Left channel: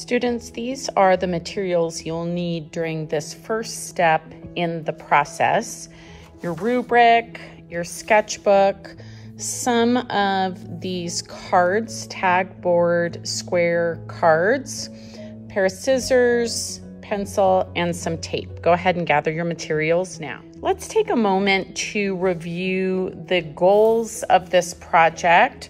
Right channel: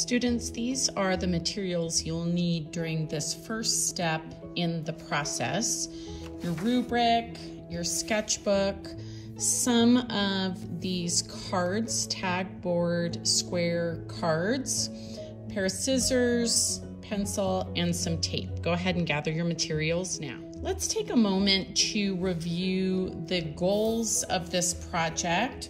Students, these are the materials you'll need during this first step in the process. Your rubric, your sketchbook, some of these cards, tag board, square cards, pair of scissors, pencil, and some tape. Go ahead and gather your materials now. Let's take a moment to review the goals of this project.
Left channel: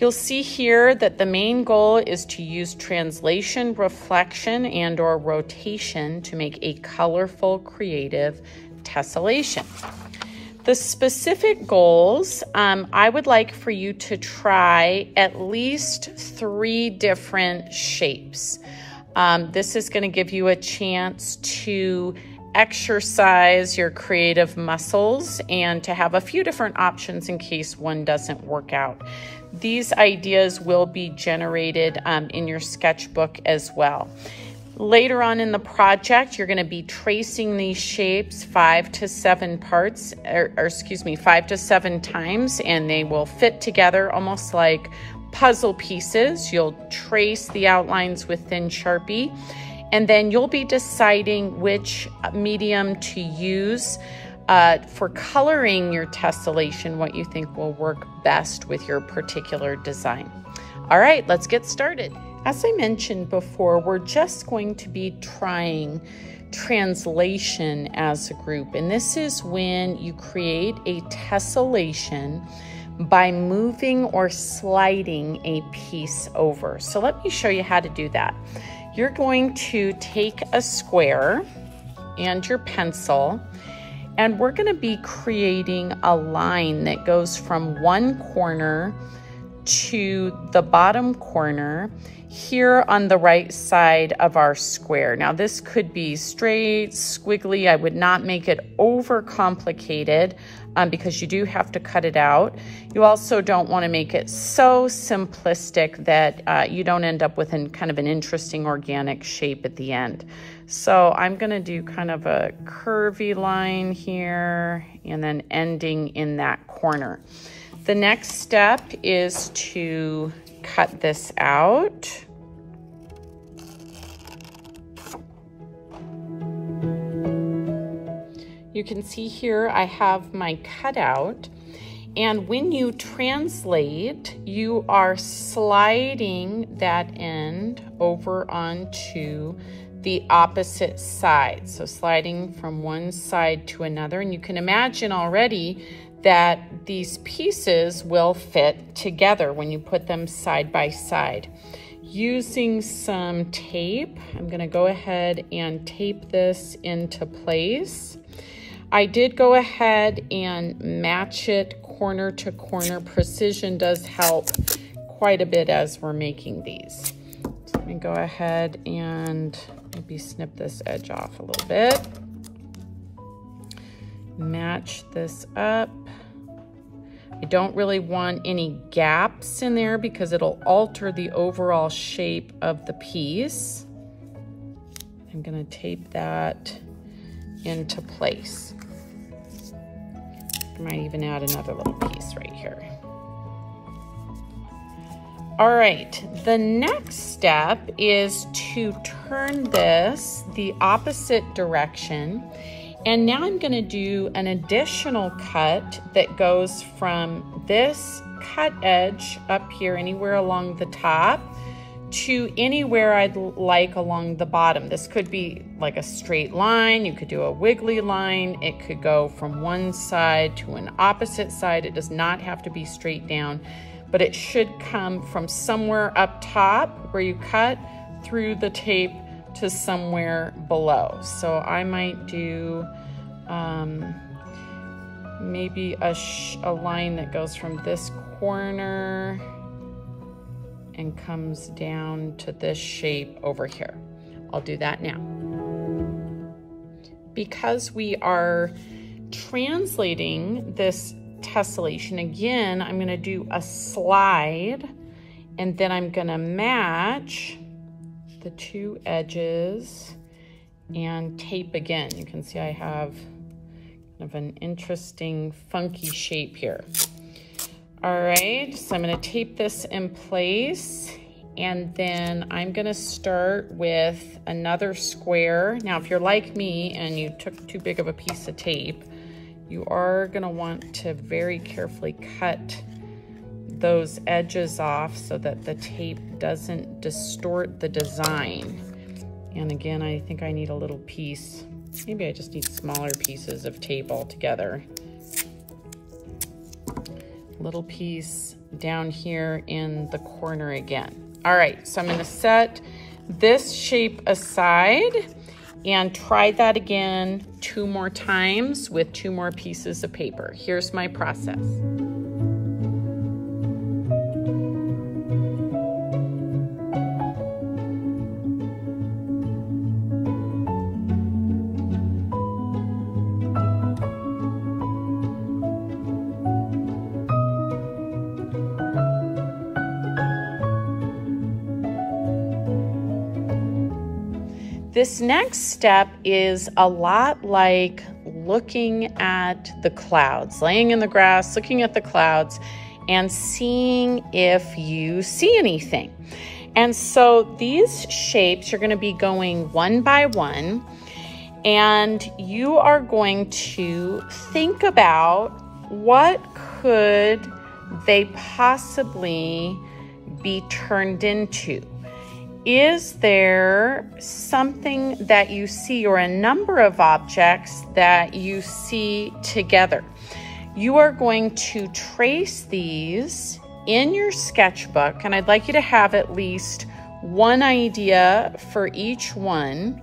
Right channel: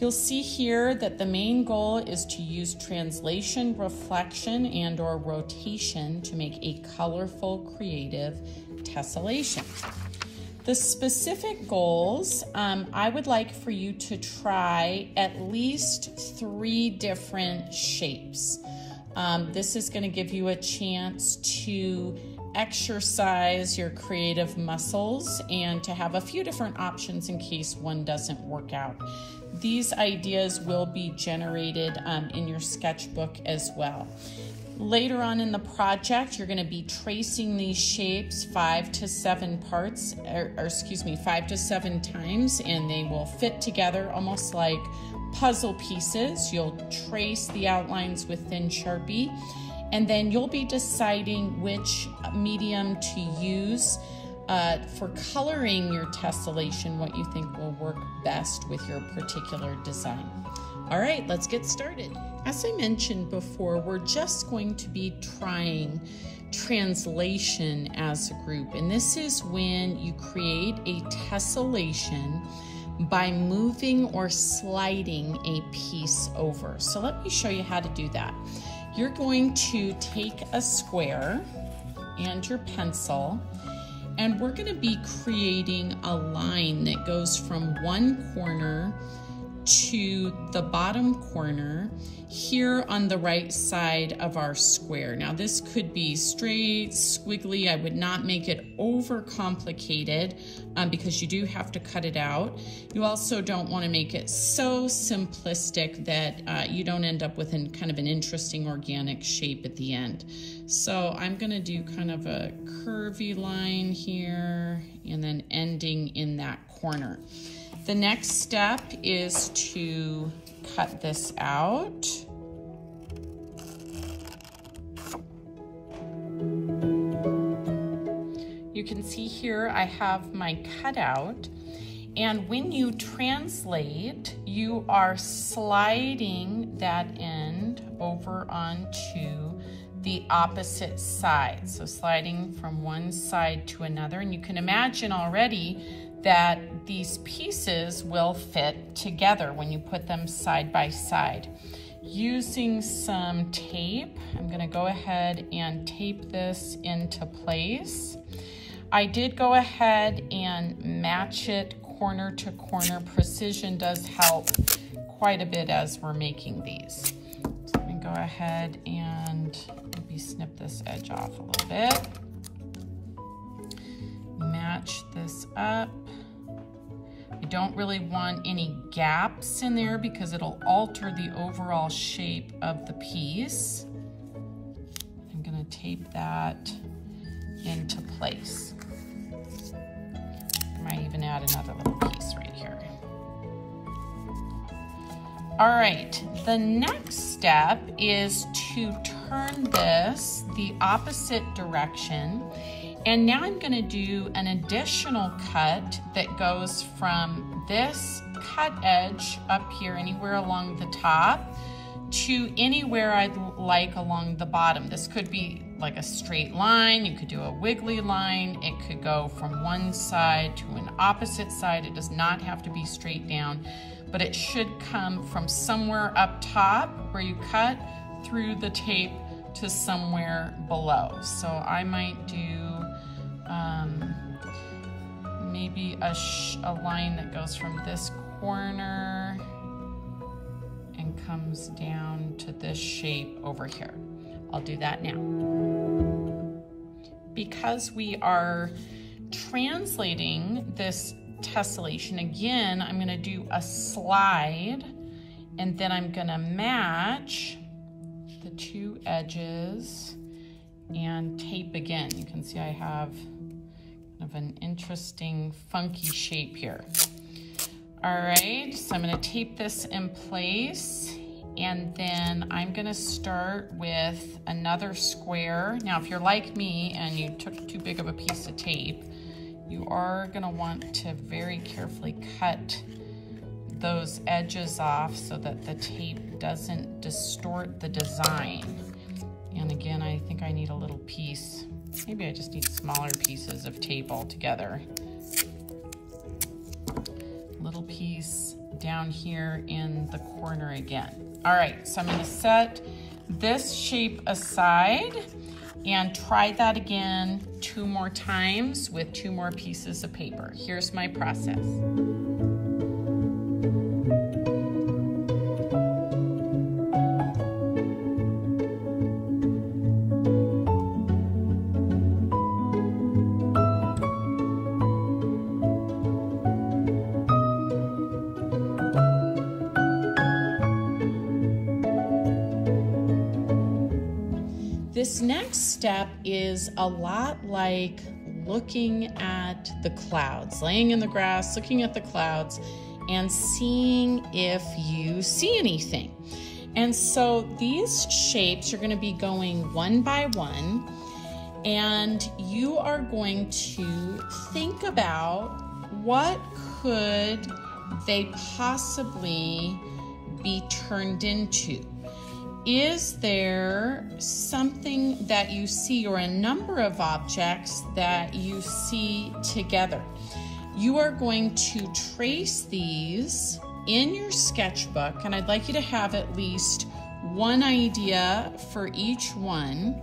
You'll see here that the main goal is to use translation, reflection, and/or rotation to make a colorful, creative tessellation. The specific goals, I would like for you to try at least 3 different shapes. This is going to give you a chance to exercise your creative muscles and to have a few different options in case one doesn't work out. These ideas will be generated in your sketchbook as well. Later on in the project, you're going to be tracing these shapes 5 to 7 times, and they will fit together almost like puzzle pieces. You'll trace the outlines with thin Sharpie, and then you'll be deciding which medium to use for coloring your tessellation, what you think will work best with your particular design. All right, let's get started. As I mentioned before, we're just going to be trying translation as a group, and this is when you create a tessellation by moving or sliding a piece over. So let me show you how to do that. You're going to take a square and your pencil, and we're going to be creating a line that goes from one corner to the bottom corner here on the right side of our square. Now this could be straight, squiggly. I would not make it over complicated because you do have to cut it out. You also don't want to make it so simplistic that you don't end up with kind of an interesting organic shape at the end. So I'm going to do kind of a curvy line here and then ending in that corner. The next step is to cut this out. You can see here I have my cutout, and when you translate, you are sliding that end over onto the opposite side. So sliding from one side to another, and you can imagine already that these pieces will fit together when you put them side by side. Using some tape, I'm going to go ahead and tape this into place. I did go ahead and match it corner to corner. Precision does help quite a bit as we're making these. So let me go ahead and maybe snip this edge off a little bit. Match this up. I don't really want any gaps in there because it'll alter the overall shape of the piece. I'm going to tape that into place. I might even add another little piece right here. All right, the next step is to turn this the opposite direction. And now I'm going to do an additional cut that goes from this cut edge up here, anywhere along the top, to anywhere I'd like along the bottom. This could be like a straight line. You could do a wiggly line. It could go from one side to an opposite side. It does not have to be straight down, but it should come from somewhere up top where you cut through the tape to somewhere below. So I might do maybe a line that goes from this corner and comes down to this shape over here. I'll do that now. Because we are translating this tessellation, again, I'm going to do a slide, and then I'm going to match the 2 edges and tape again. You can see I have kind of an interesting funky shape here. All right, so I'm going to tape this in place, And then I'm gonna start with another square. Now, if you're like me and you took too big of a piece of tape, you are gonna want to very carefully cut those edges off so that the tape doesn't distort the design. And again, I think I need a little piece. Maybe I just need smaller pieces of tape altogether. Little piece down here in the corner again. All right, so I'm gonna set this shape aside and try that again 2 more times with 2 more pieces of paper. Here's my process. This next step is a lot like looking at the clouds, laying in the grass, looking at the clouds, and seeing if you see anything. And so these shapes are going to be going one by one, and you are going to think about what could they possibly be turned into. Is there something that you see or a number of objects that you see together? You are going to trace these in your sketchbook, and I'd like you to have at least one idea for each one.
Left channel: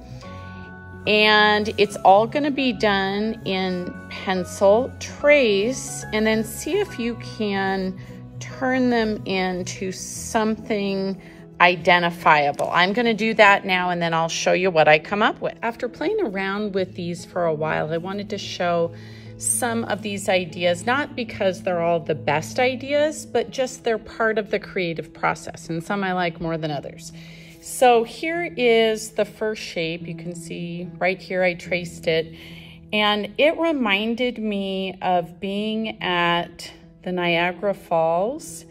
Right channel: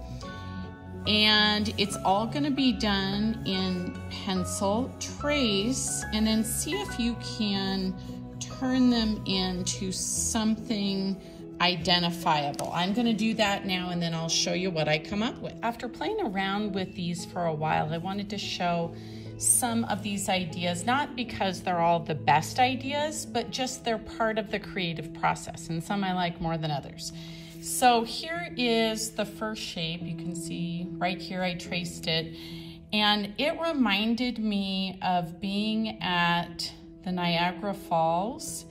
And it's all going to be done in pencil, trace, and then see if you can turn them into something identifiable. I'm going to do that now, and then I'll show you what I come up with. After playing around with these for a while, I wanted to show some of these ideas, not because they're all the best ideas, but just they're part of the creative process, and some I like more than others. So here is the first shape. You can see right here I traced it, and it reminded me of being at the Niagara Falls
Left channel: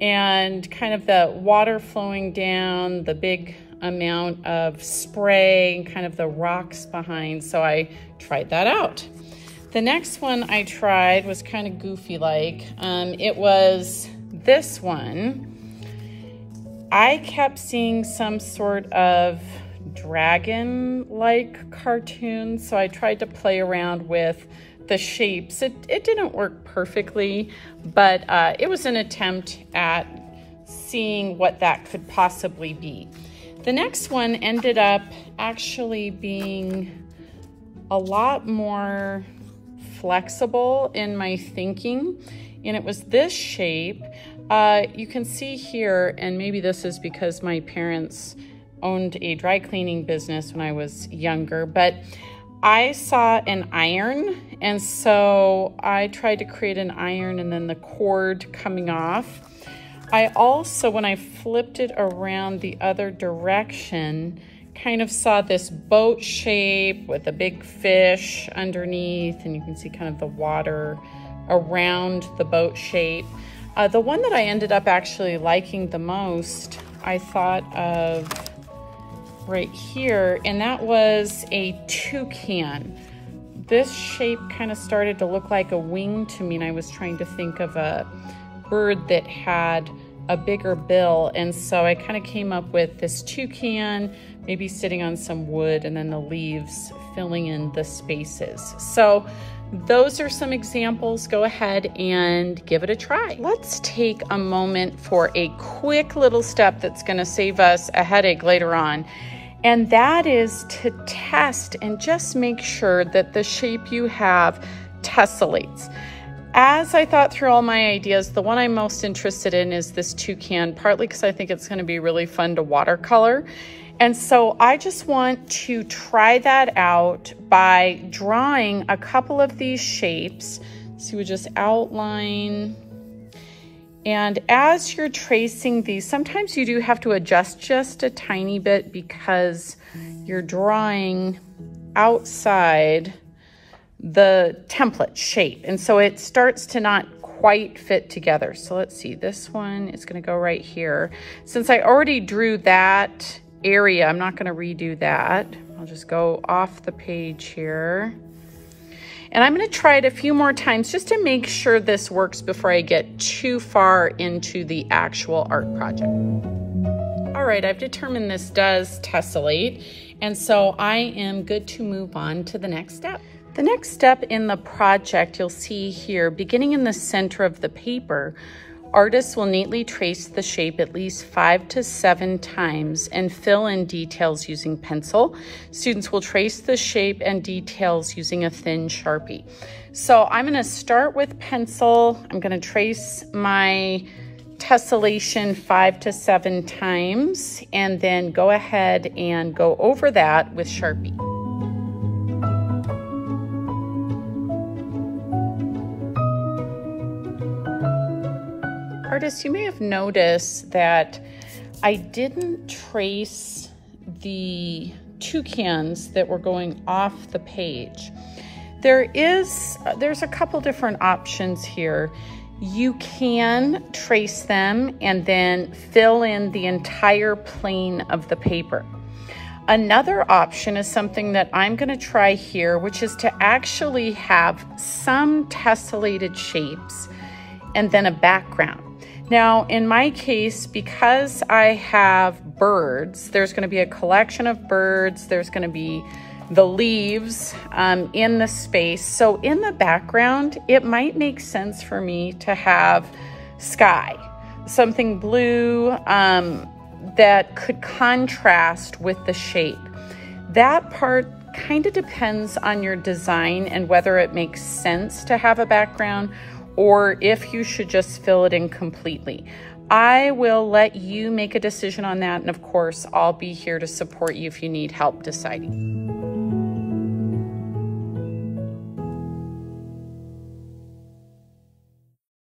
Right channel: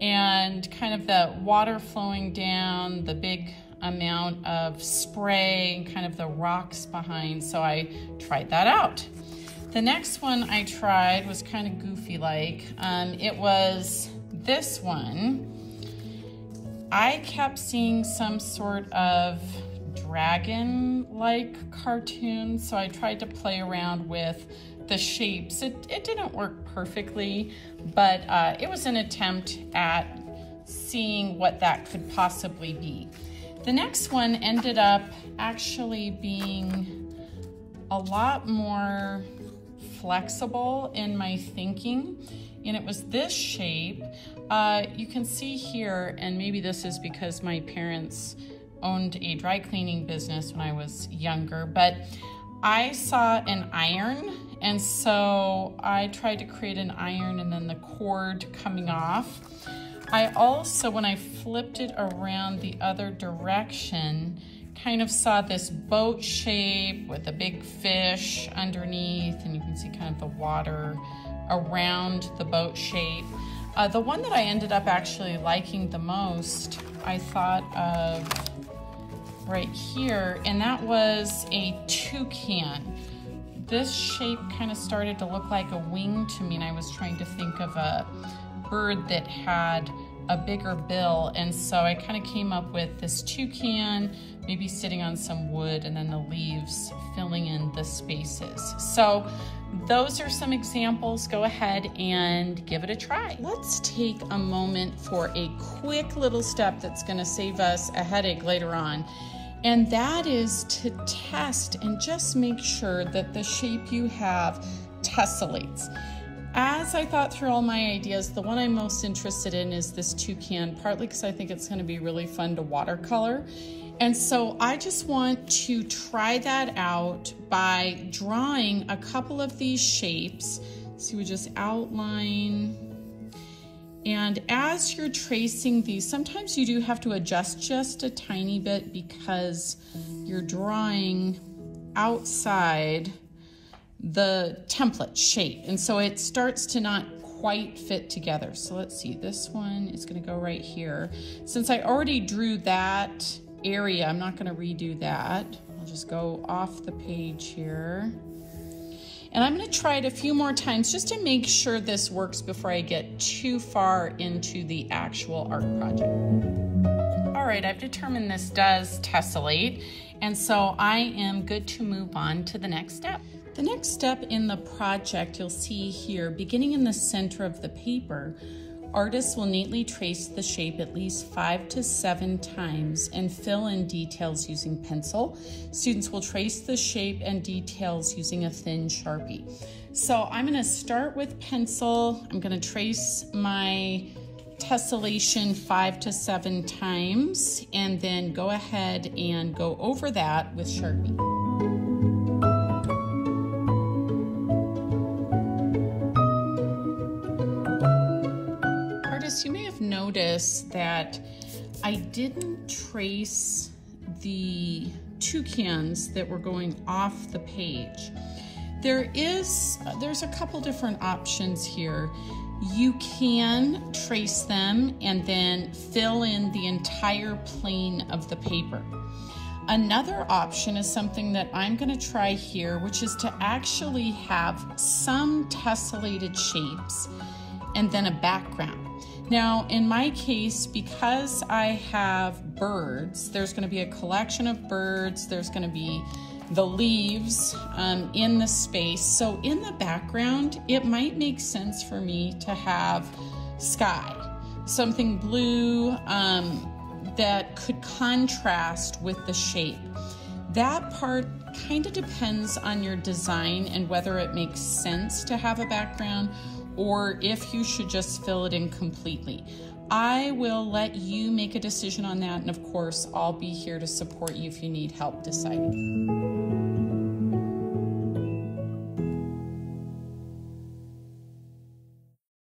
and kind of the water flowing down, the big amount of spray, and kind of the rocks behind. So I tried that out. The next one I tried was kind of goofy like. It was this one. I kept seeing some sort of dragon-like cartoon, so I tried to play around with the shapes. It didn't work perfectly, but it was an attempt at seeing what that could possibly be. The next one ended up actually being a lot more flexible in my thinking, and it was this shape. You can see here, and maybe this is because my parents owned a dry cleaning business when I was younger, but I saw an iron, and so I tried to create an iron and then the cord coming off. I also, when I flipped it around the other direction, kind of saw this boat shape with a big fish underneath, and you can see kind of the water around the boat shape. The one that I ended up actually liking the most, I thought of right here, and that was a toucan. This shape kind of started to look like a wing to me, and I was trying to think of a bird that had a bigger bill, and so I kind of came up with this toucan, maybe sitting on some wood, and then the leaves filling in the spaces. So those are some examples. Go ahead and give it a try. Let's take a moment for a quick little step that's going to save us a headache later on. And that is to test and just make sure that the shape you have tessellates. As I thought through all my ideas, the one I'm most interested in is this toucan, partly because I think it's going to be really fun to watercolor. And so I just want to try that out by drawing a couple of these shapes. So we just outline. And as you're tracing these, sometimes you do have to adjust just a tiny bit because you're drawing outside the template shape. And so it starts to not quite fit together. So let's see, this one is gonna go right here. Since I already drew that area, I'm not gonna redo that. I'll just go off the page here. And I'm gonna try it a few more times just to make sure this works before I get too far into the actual art project. All right, I've determined this does tessellate, and so I am good to move on to the next step. The next step in the project, you'll see here, beginning in the center of the paper, artists will neatly trace the shape at least 5 to 7 times and fill in details using pencil. Students will trace the shape and details using a thin Sharpie. So I'm gonna start with pencil. I'm gonna trace my tessellation 5 to 7 times and then go ahead and go over that with Sharpie. Artists, you may have noticed that I didn't trace the toucans that were going off the page. There's a couple different options here. You can trace them and then fill in the entire plane of the paper. Another option is something that I'm gonna try here, which is to actually have some tessellated shapes and then a background. Now, in my case, because I have birds, there's gonna be a collection of birds, there's gonna be the leaves in the space. So in the background, it might make sense for me to have sky, something blue that could contrast with the shape. That part kind of depends on your design and whether it makes sense to have a background or if you should just fill it in completely. I will let you make a decision on that, and of course, I'll be here to support you if you need help deciding.